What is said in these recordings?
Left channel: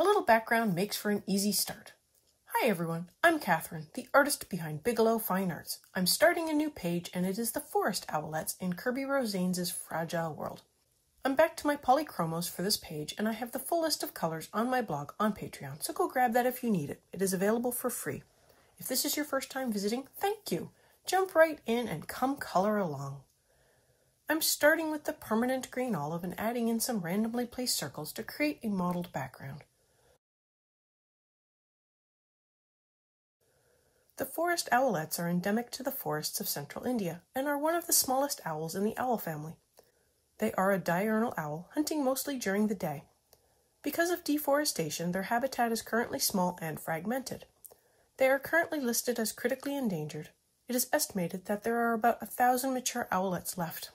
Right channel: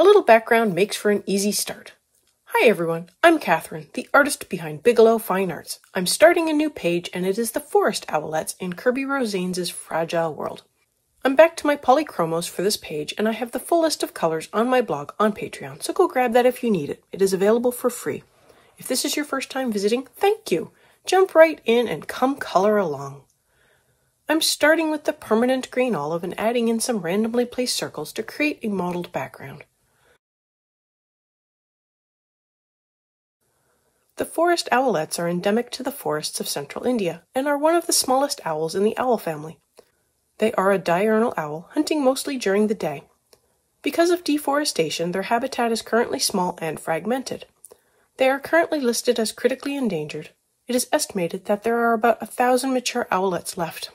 A little background makes for an easy start. Hi everyone, I'm Catherine, the artist behind Bigelow Fine Arts. I'm starting a new page and it is the Forest Owlets in Kirby Rosanes' Fragile World. I'm back to my Polychromos for this page and I have the full list of colors on my blog on Patreon, so go grab that if you need it. It is available for free. If this is your first time visiting, thank you. Jump right in and come color along. I'm starting with the permanent green olive and adding in some randomly placed circles to create a mottled background. The forest owlets are endemic to the forests of central India and are one of the smallest owls in the owl family. They are a diurnal owl, hunting mostly during the day. Because of deforestation, their habitat is currently small and fragmented. They are currently listed as critically endangered. It is estimated that there are about 1,000 mature owlets left.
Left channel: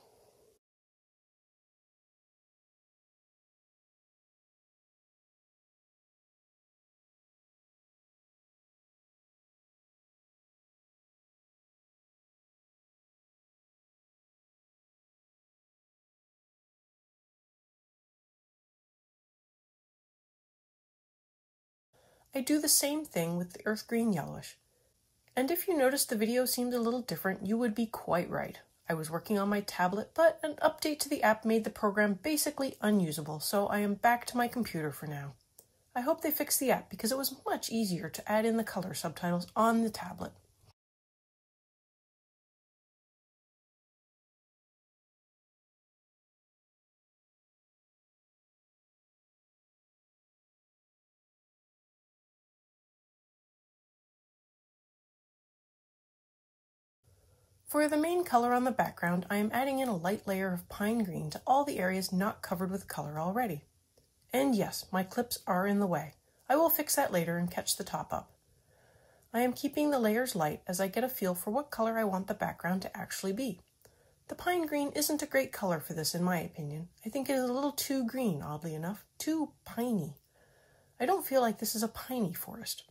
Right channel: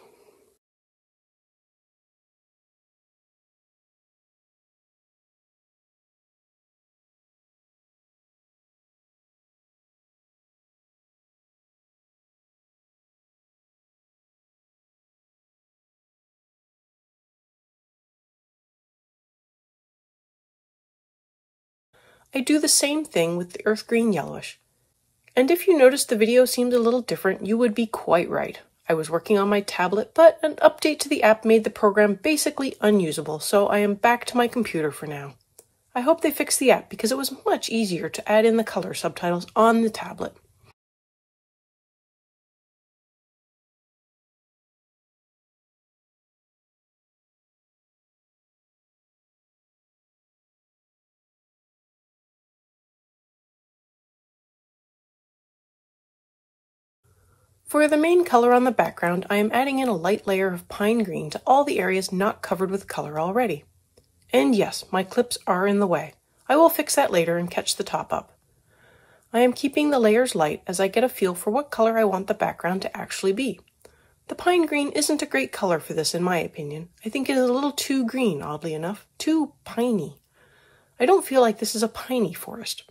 I do the same thing with the earth green yellowish. And if you notice the video seems a little different, you would be quite right. I was working on my tablet, but an update to the app made the program basically unusable, so I am back to my computer for now. I hope they fix the app because it was much easier to add in the color subtitles on the tablet. For the main color on the background, I am adding in a light layer of pine green to all the areas not covered with color already. And yes, my clips are in the way. I will fix that later and catch the top up. I am keeping the layers light as I get a feel for what color I want the background to actually be. The pine green isn't a great color for this in my opinion. I think it is a little too green, oddly enough, too piney. I don't feel like this is a piney forest.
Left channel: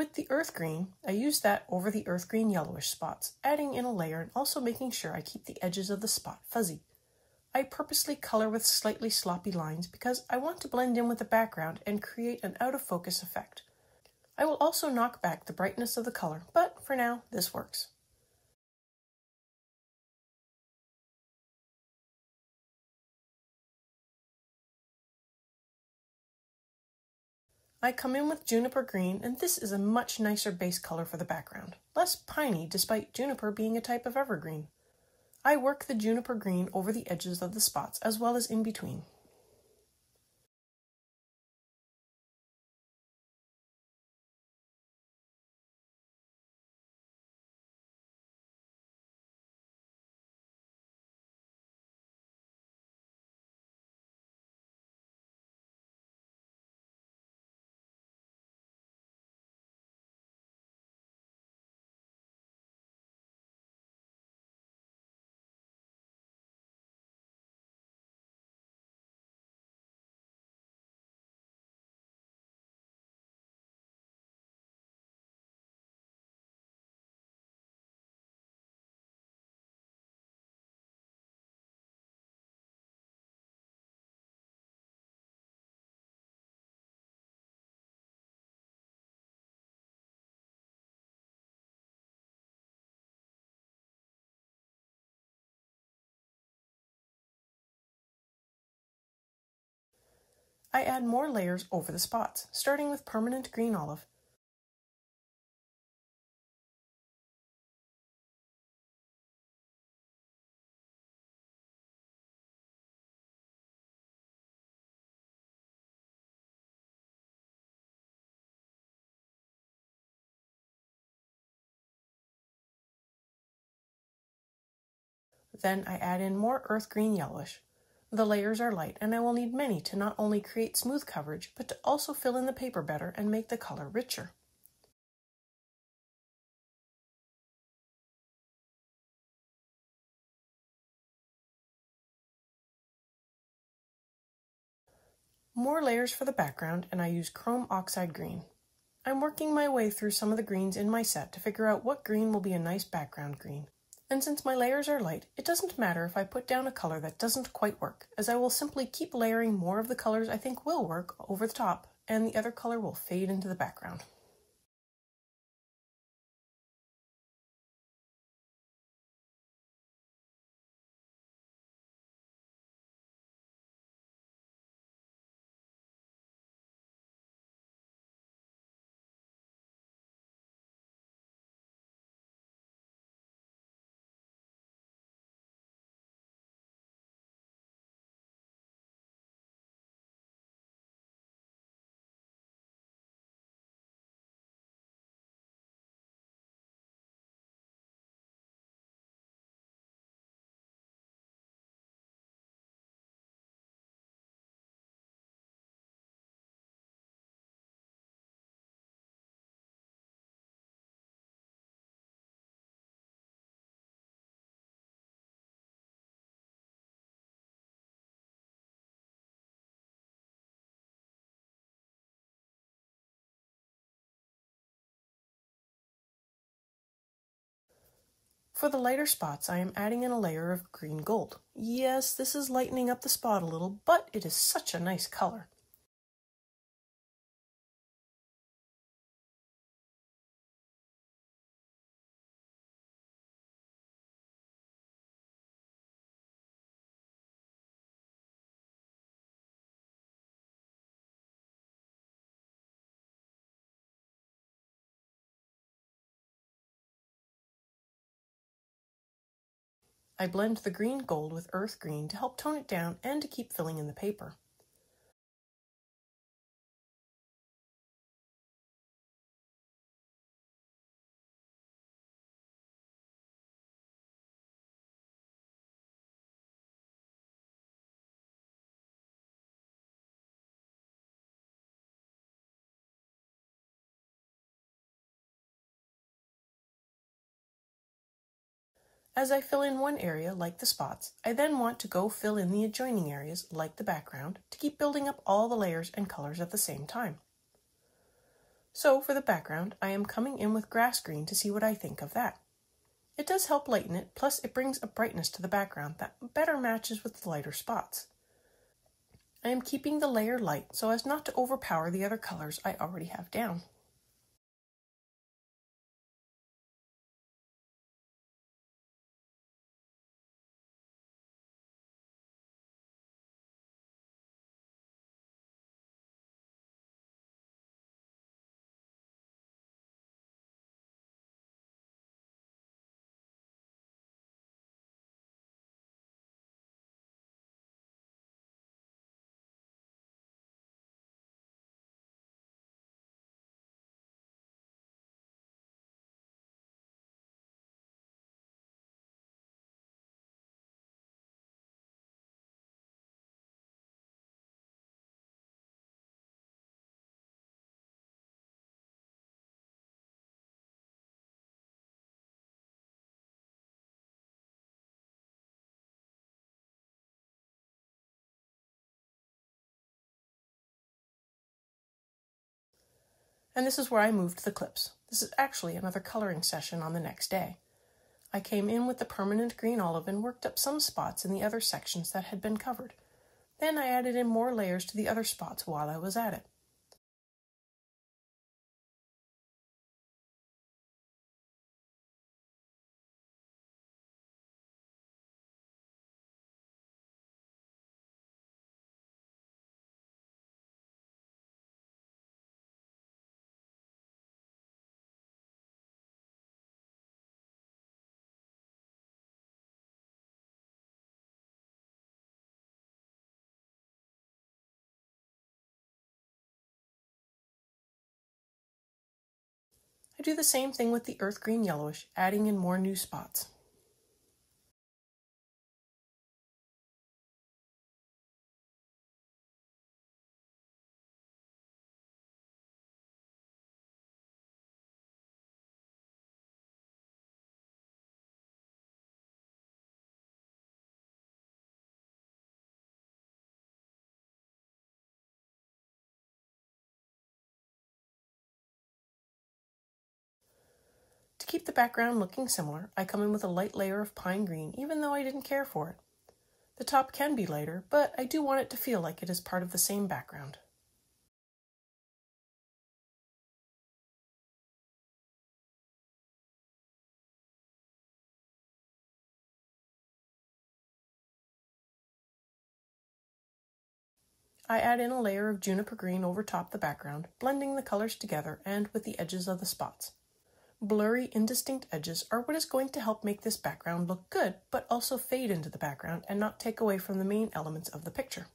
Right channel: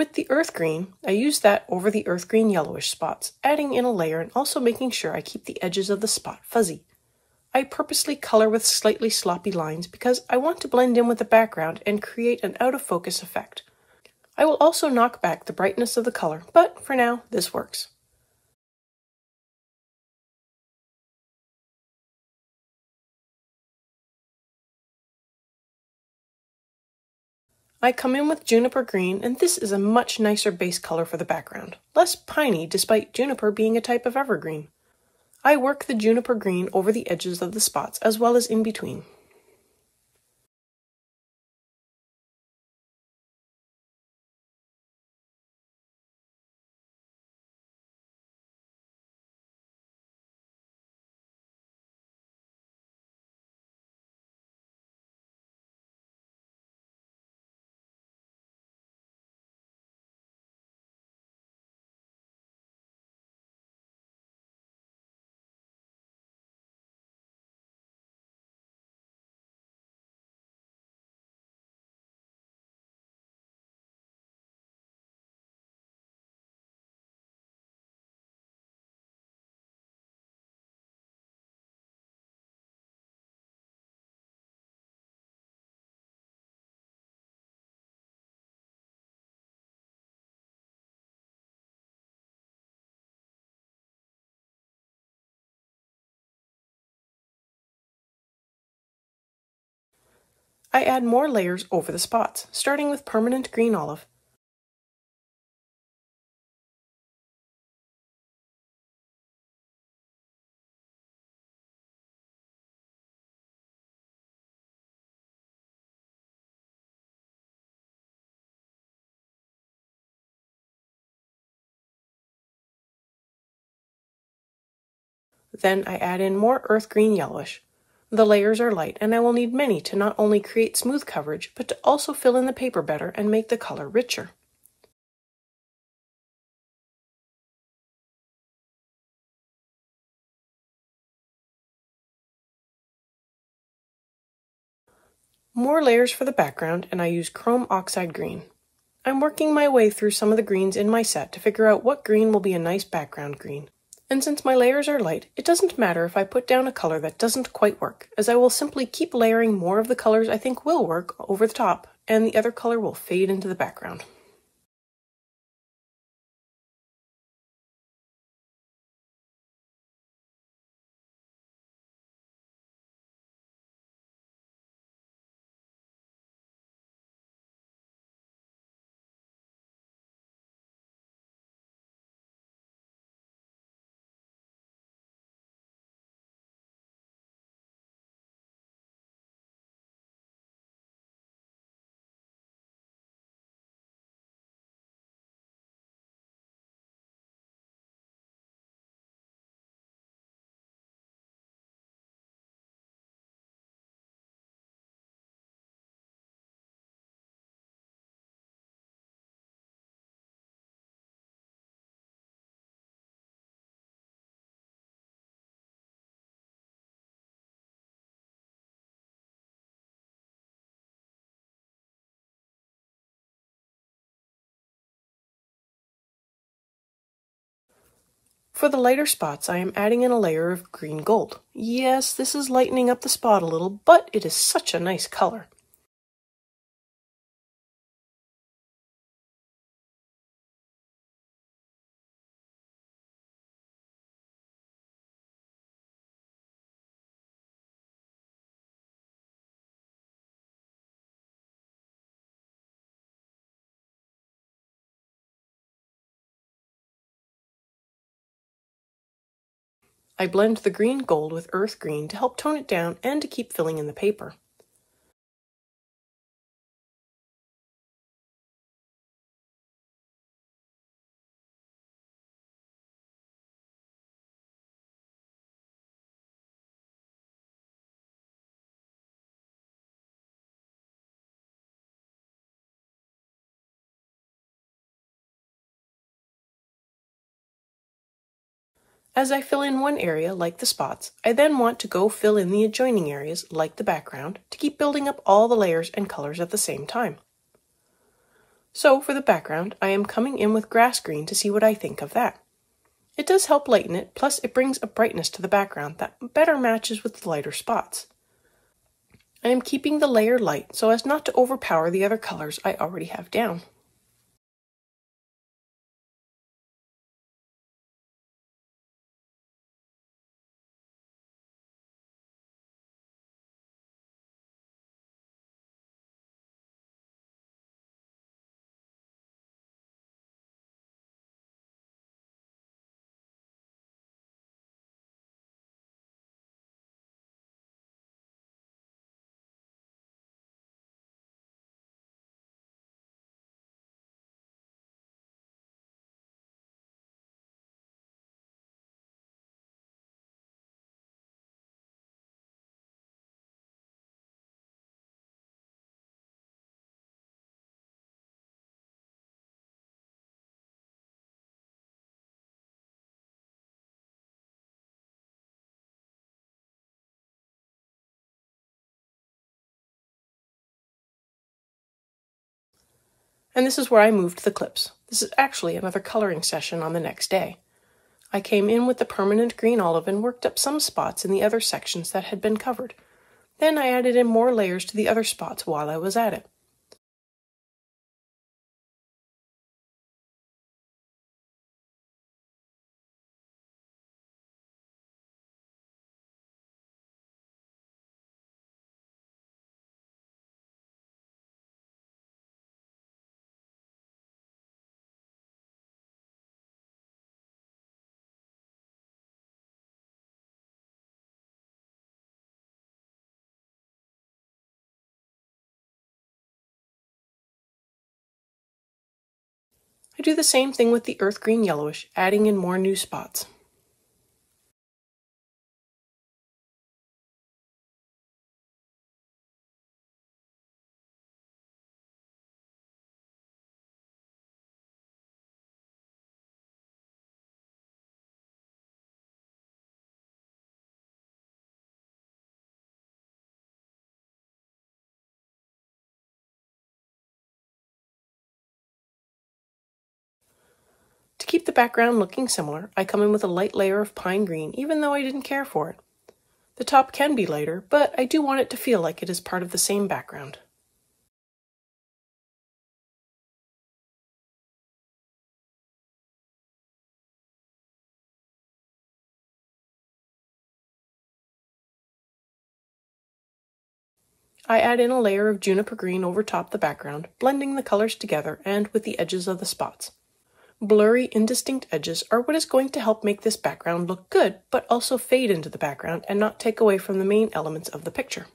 With the earth green, I use that over the earth green yellowish spots, adding in a layer and also making sure I keep the edges of the spot fuzzy. I purposely color with slightly sloppy lines because I want to blend in with the background and create an out-of-focus effect. I will also knock back the brightness of the color, but for now, this works. I come in with juniper green, and this is a much nicer base color for the background, less piney despite juniper being a type of evergreen. I work the juniper green over the edges of the spots as well as in between. I add more layers over the spots, starting with permanent green olive. Then I add in more earth green yellowish. The layers are light, and I will need many to not only create smooth coverage, but to also fill in the paper better and make the color richer. More layers for the background, and I use chrome oxide green. I'm working my way through some of the greens in my set to figure out what green will be a nice background green. And since my layers are light, it doesn't matter if I put down a color that doesn't quite work, as I will simply keep layering more of the colors I think will work over the top, and the other color will fade into the background. For the lighter spots, I am adding in a layer of green gold. Yes, this is lightening up the spot a little, but it is such a nice color. I blend the green gold with earth green to help tone it down and to keep filling in the paper. As I fill in one area, like the spots, I then want to go fill in the adjoining areas, like the background, to keep building up all the layers and colors at the same time. So for the background, I am coming in with grass green to see what I think of that. It does help lighten it, plus it brings a brightness to the background that better matches with the lighter spots. I am keeping the layer light so as not to overpower the other colors I already have down. And this is where I moved the clips. This is actually another coloring session on the next day. I came in with the permanent green olive and worked up some spots in the other sections that had been covered. Then I added in more layers to the other spots while I was at it. I do the same thing with the earth green yellowish, adding in more new spots. keep the background looking similar, I come in with a light layer of pine green, even though I didn't care for it. The top can be lighter, but I do want it to feel like it is part of the same background. I add in a layer of juniper green over top the background, blending the colors together and with the edges of the spots. Blurry, indistinct edges are what is going to help make this background look good, but also fade into the background and not take away from the main elements of the picture.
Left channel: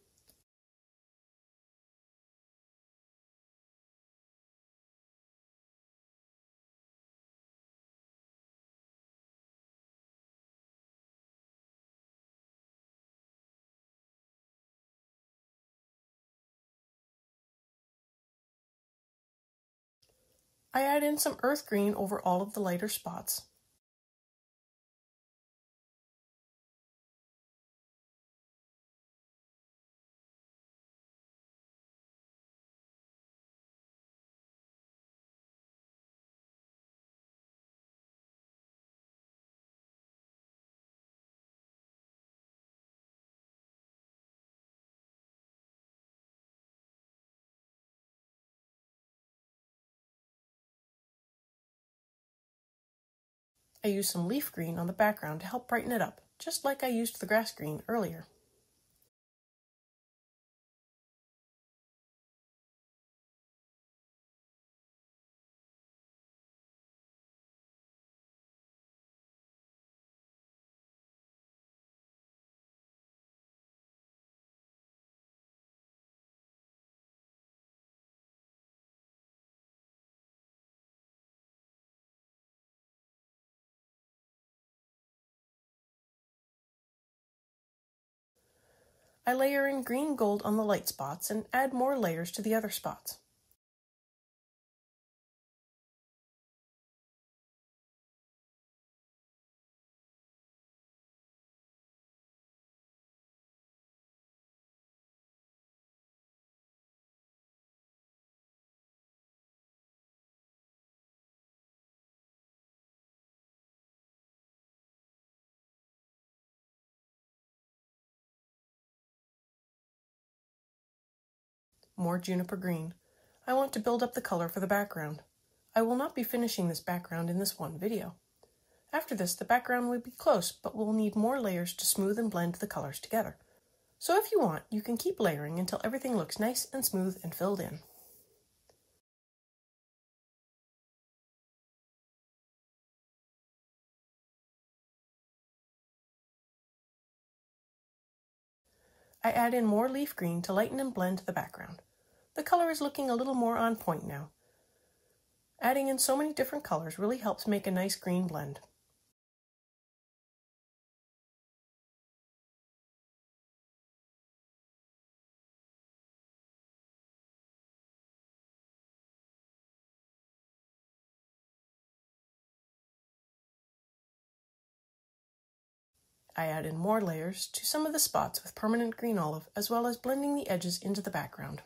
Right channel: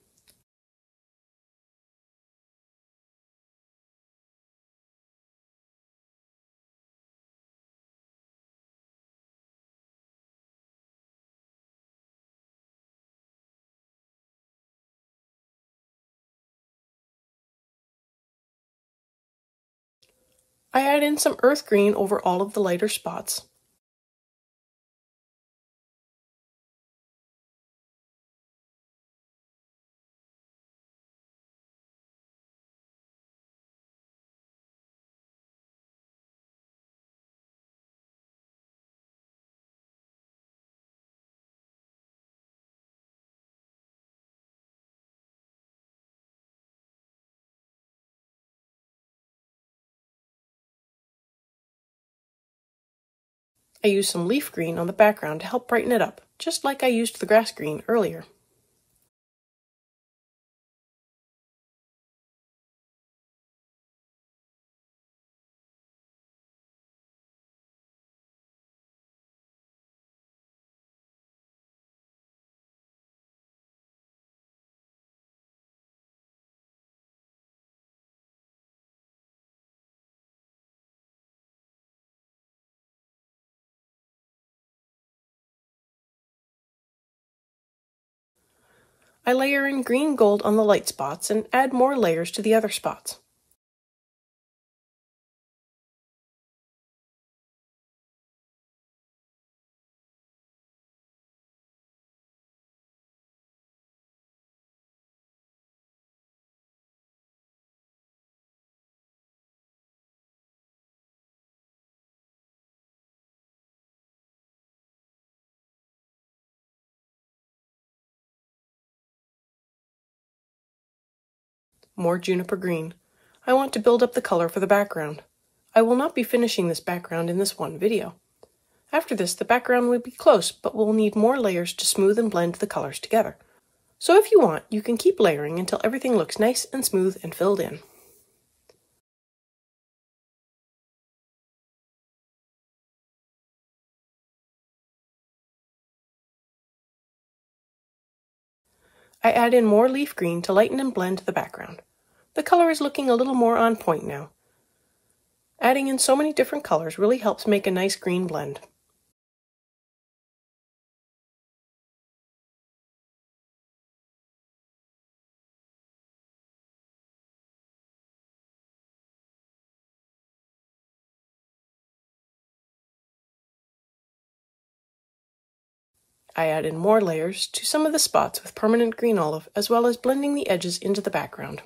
I add in some earth green over all of the lighter spots. I use some leaf green on the background to help brighten it up, just like I used the grass green earlier. I layer in green gold on the light spots and add more layers to the other spots. More juniper green. I want to build up the color for the background. I will not be finishing this background in this one video. After this, the background will be close, but we'll need more layers to smooth and blend the colors together. So if you want, you can keep layering until everything looks nice and smooth and filled in. I add in more leaf green to lighten and blend the background. The color is looking a little more on point now. Adding in so many different colors really helps make a nice green blend. I add in more layers to some of the spots with permanent green olive, as well as blending the edges into the background.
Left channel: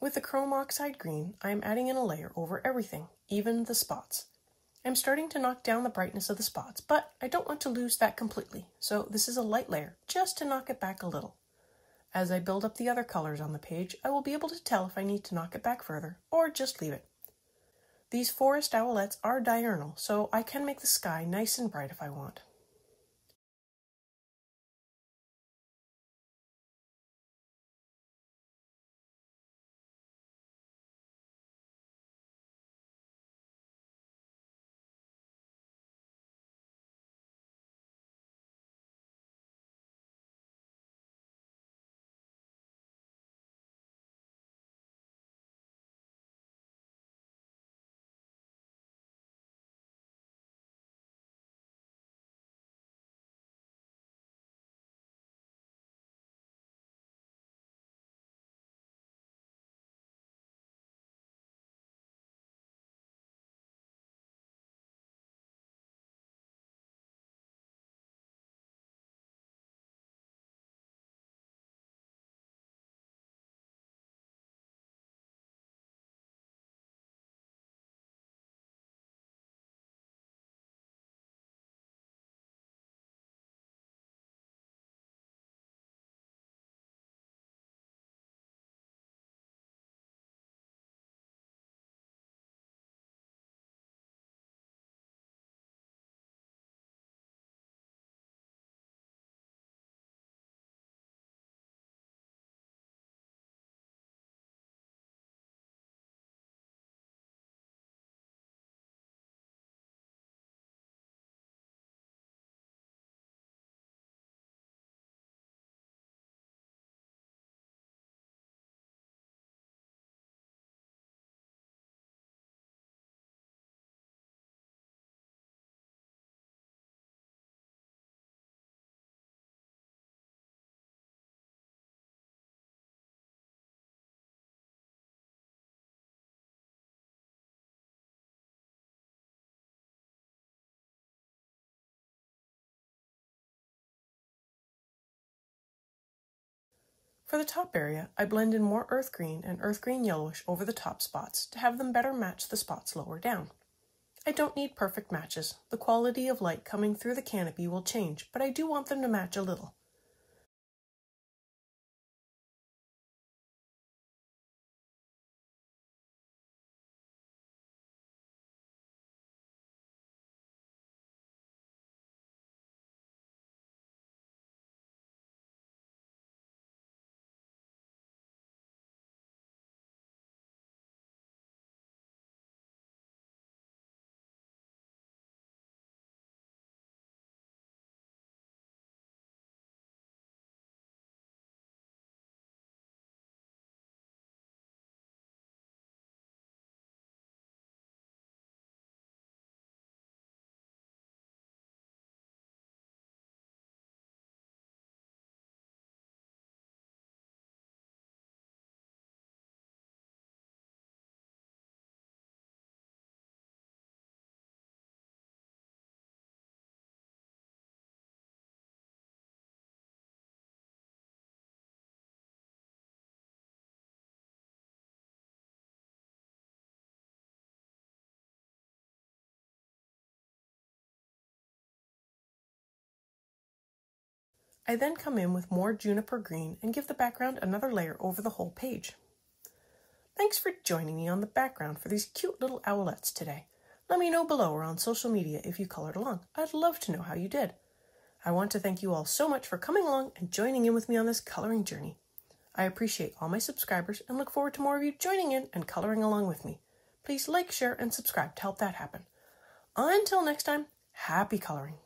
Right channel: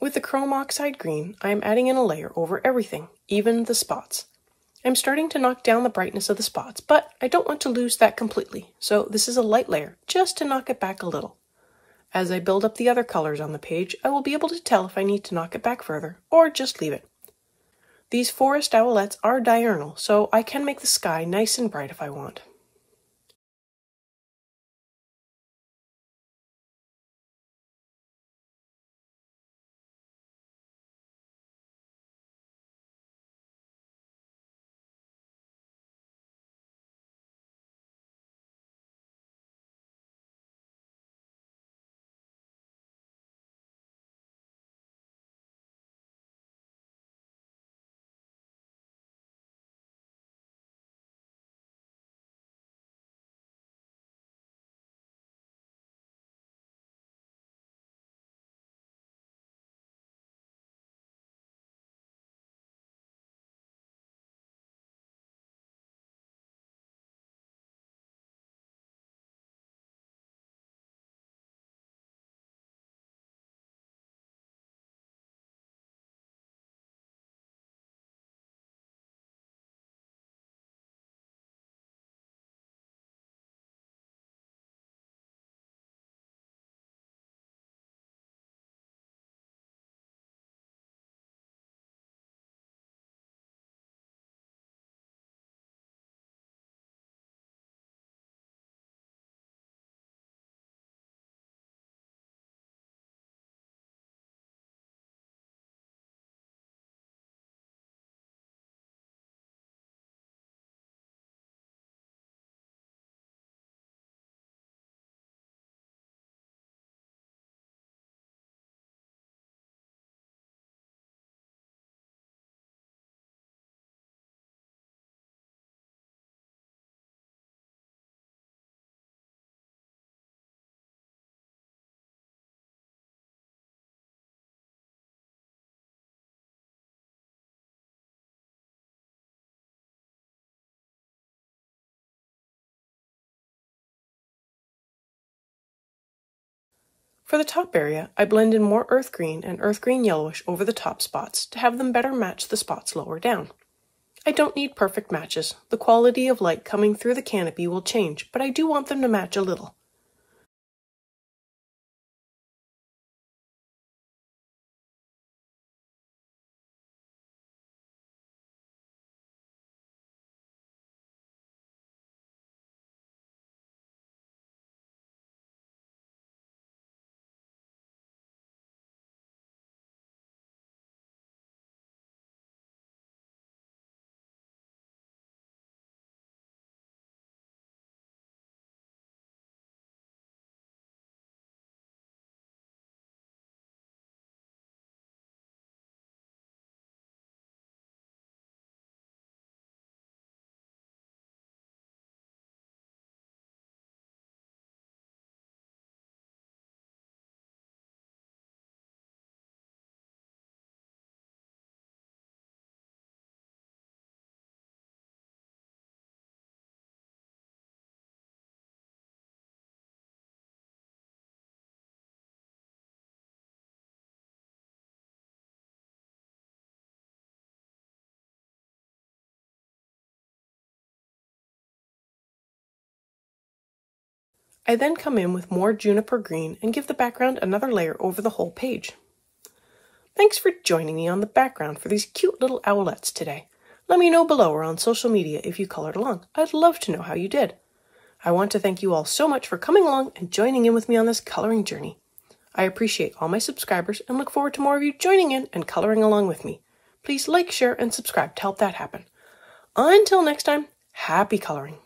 With the chrome oxide green, I am adding in a layer over everything, even the spots. I'm starting to knock down the brightness of the spots, but I don't want to lose that completely, so this is a light layer, just to knock it back a little. As I build up the other colors on the page, I will be able to tell if I need to knock it back further, or just leave it. These forest owlets are diurnal, so I can make the sky nice and bright if I want. For the top area, I blend in more earth green and earth green yellowish over the top spots to have them better match the spots lower down. I don't need perfect matches. The quality of light coming through the canopy will change, but I do want them to match a little. I then come in with more juniper green and give the background another layer over the whole page. Thanks for joining me on the background for these cute little owlets today. Let me know below or on social media if you colored along. I'd love to know how you did. I want to thank you all so much for coming along and joining in with me on this coloring journey. I appreciate all my subscribers and look forward to more of you joining in and coloring along with me. Please like, share, and subscribe to help that happen. Until next time, happy coloring.